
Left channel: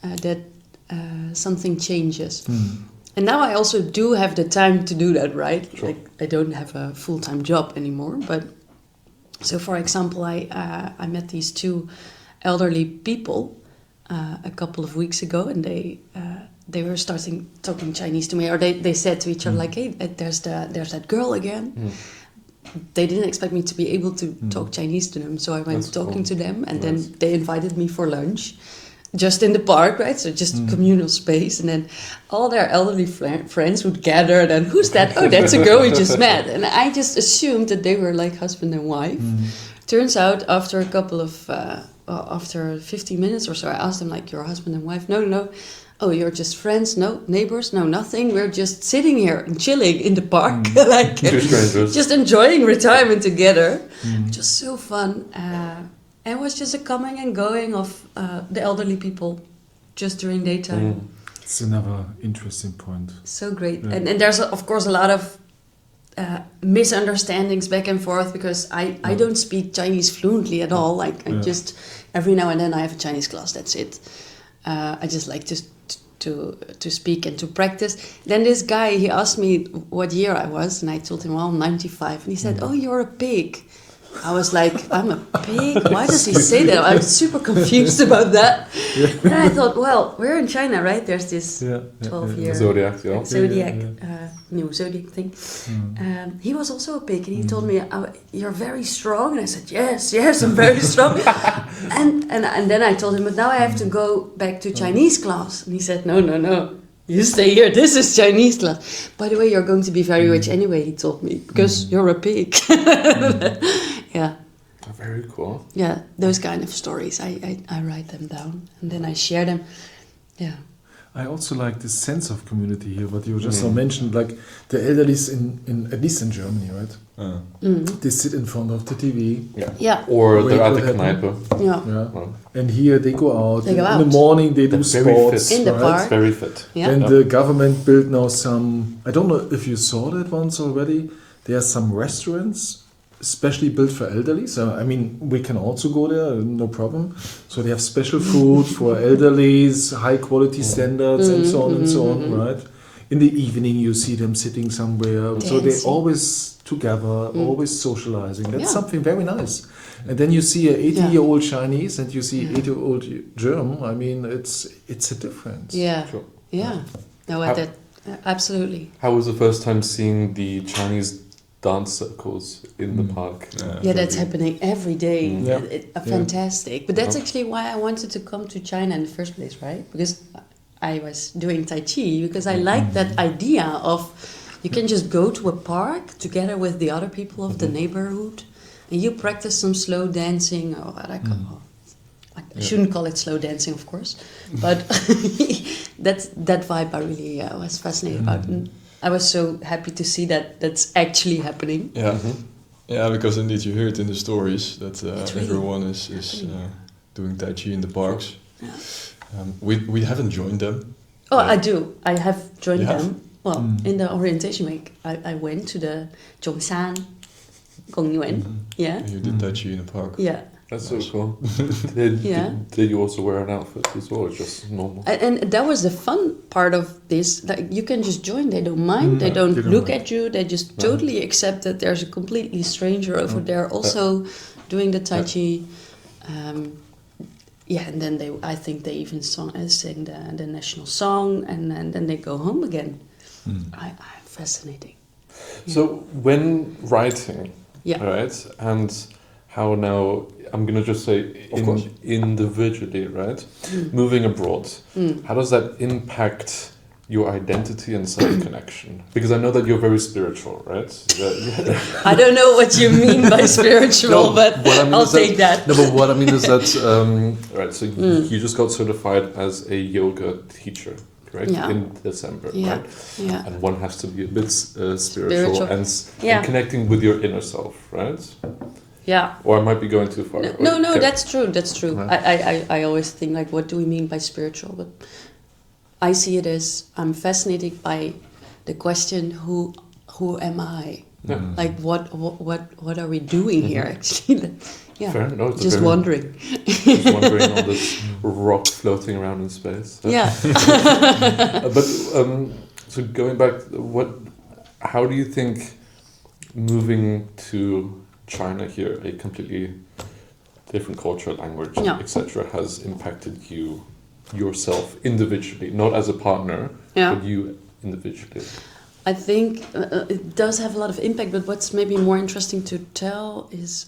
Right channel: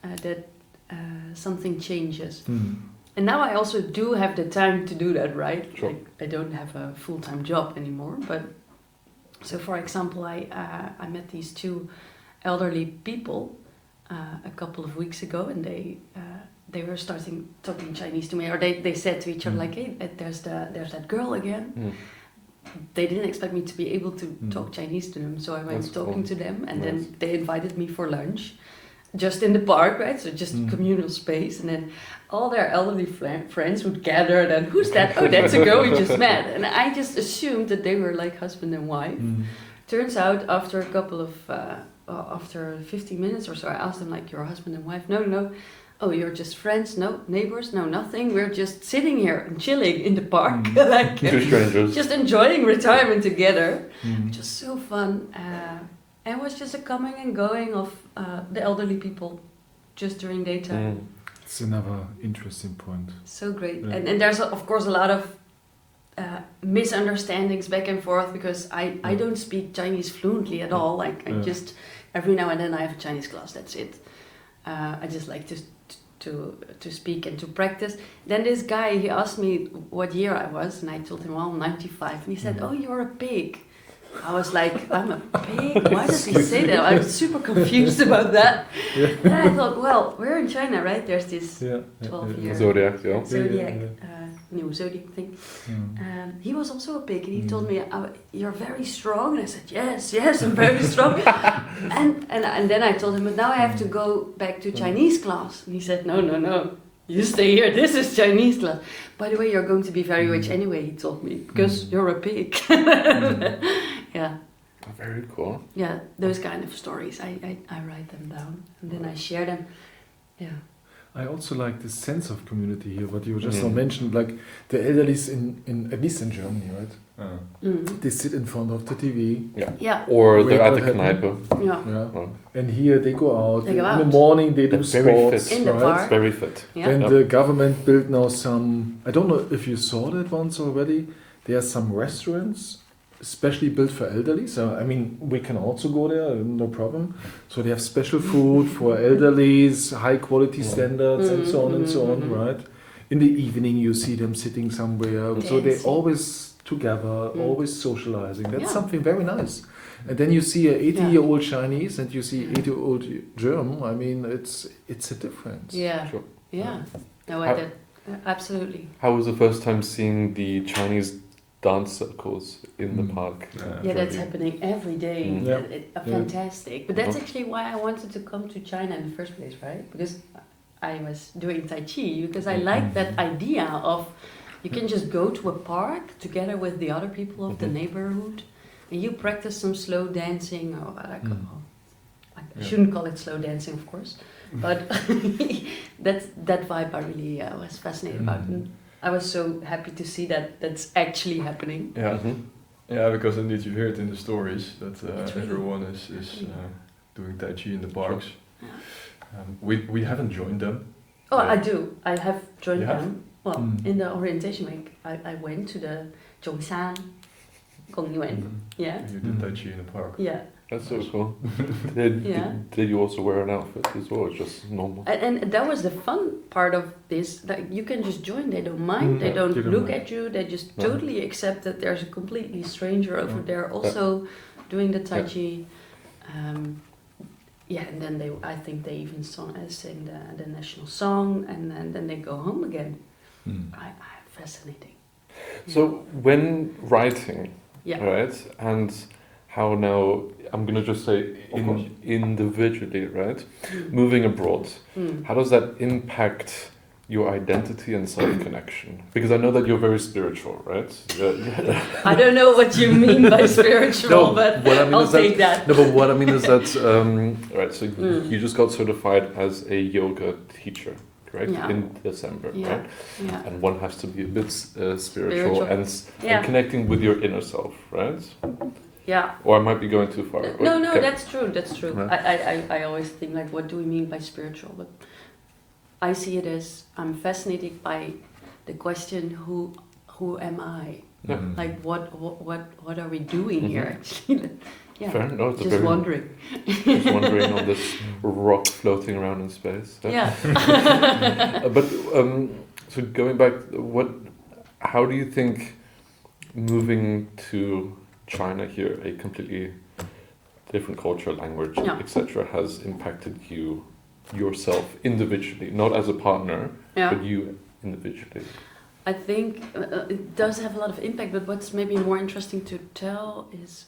that something changes. And now I also do have the time to do that, right? Sure. Like I don't have a full-time job anymore. But so, for example, I met these 2 elderly people a couple of weeks ago, and they were starting talking Chinese to me, or they said to each other like, "Hey, there's that girl again." They didn't expect me to be able to talk Chinese to them, so I went talking to them, and then they invited me for lunch, just in the park, right? So just communal space, and then all their elderly friends would gather, and then, who's that? Oh, that's a girl we just met. And I just assumed that they were like husband and wife. Turns out after a couple of, after 50 minutes or so, I asked them like, "Your husband and wife?" No. "Oh, you're just friends? No, neighbors? No, nothing. We're just sitting here and chilling in the park, like just enjoying retirement together." Just so fun. It was just a coming and going of the elderly people just during daytime. It's another interesting point. So great. Yeah. And there's, of course, a lot of misunderstandings back and forth because I don't speak Chinese fluently at all. Like, I just, every now and then I have a Chinese class, that's it. I just like to speak and to practice. Then this guy, he asked me what year I was, and I told him, well, 95. And he said, "Oh, you're a pig." I was like, "I'm a pig? Why does he say that?" I was super confused about that. And I thought, well, we're in China, right? There's this 12-year zodiac new zodiac thing. He was also a pig, and he told me, "You're very strong." And I said, yes, I'm very strong. and then I told him, "But now I have to go back to Chinese class." And he said, no. you stay here. This is Chinese class. By the way, you're going to be very rich anyway, he told me, because you're a pig. Yeah. Very cool. Yeah, those kind of stories. I write them down and then I share them. Yeah. I also like this sense of community here, what you just mentioned, like the elderlies in at least in Germany, right? They sit in front of the TV. Yeah. Or Wait, they're at the what happened? Kneipe. Yeah. And here they go out. They go in the out. morning they do They're very sports. fit. In the right? park. It's very fit. Yeah. And the government built now some, I don't know if you saw that once already, there are some restaurants especially built for elderly. So, I mean, we can also go there, no problem. So they have special food for elderlies, high quality standards and so on, right? In the evening you see them sitting somewhere. So they're always together, always socializing. That's something very nice. And then you see an 80-year-old Chinese and you see 80-year-old German. I mean, it's a difference. Yeah. Sure. Yeah. No, absolutely. How was the first time seeing the Chinese dance circles in the park? Yeah, that's happening every day. Yeah. Fantastic. But that's actually why I wanted to come to China in the first place, right? Because I was doing Tai Chi, because I like that idea of you can just go to a park together with the other people of the neighborhood and you practice some slow dancing, or what I call I shouldn't call it slow dancing, of course, but that vibe I really was fascinated about. And I was so happy to see that that's actually happening. Yeah, yeah, because indeed you hear it in the stories that It's really everyone is doing Tai Chi in the parks. Yeah. We haven't joined them. Oh, I do. I have joined You them. have? Well, in the orientation week, I went to the Zhongshan Gongyuan. Yeah. You did Tai Chi in the park. Yeah. That's so cool. Did you also wear an outfit as well, or just normal? And that was the fun part of this. Like, you can just join. They don't mind. They don't look at you. They just totally accept that there's a completely stranger over there also doing the Tai Chi. And then I think they even sing the national song, and then they go home again. Fascinating. So when writing, right, and how now, I'm going to just say individually, right, moving abroad, how does that impact your identity and self-connection? Because I know that you're very spiritual, right? I don't know what you mean by spiritual, but I'll take that. No, but what I mean is that... right, so you just got certified as a yoga teacher, right? Yeah. In December, right? Yeah. And one has to be a bit spiritual. And connecting with your inner self, right? Yeah. Or I might be going too far. No, that's true. Right. I always think, like, what do we mean by spiritual? But I see it as I'm fascinated by the question, who am I? Yeah. Like, what are we doing here, actually? Yeah. Fair. No, it's just wondering. Just wondering on this rock floating around in space. Yeah. But so going back, how do you think moving to China here, a completely different culture, language, etc., has impacted yourself individually, not as a partner, but you individually? I think it does have a lot of impact, but what's maybe more interesting to tell is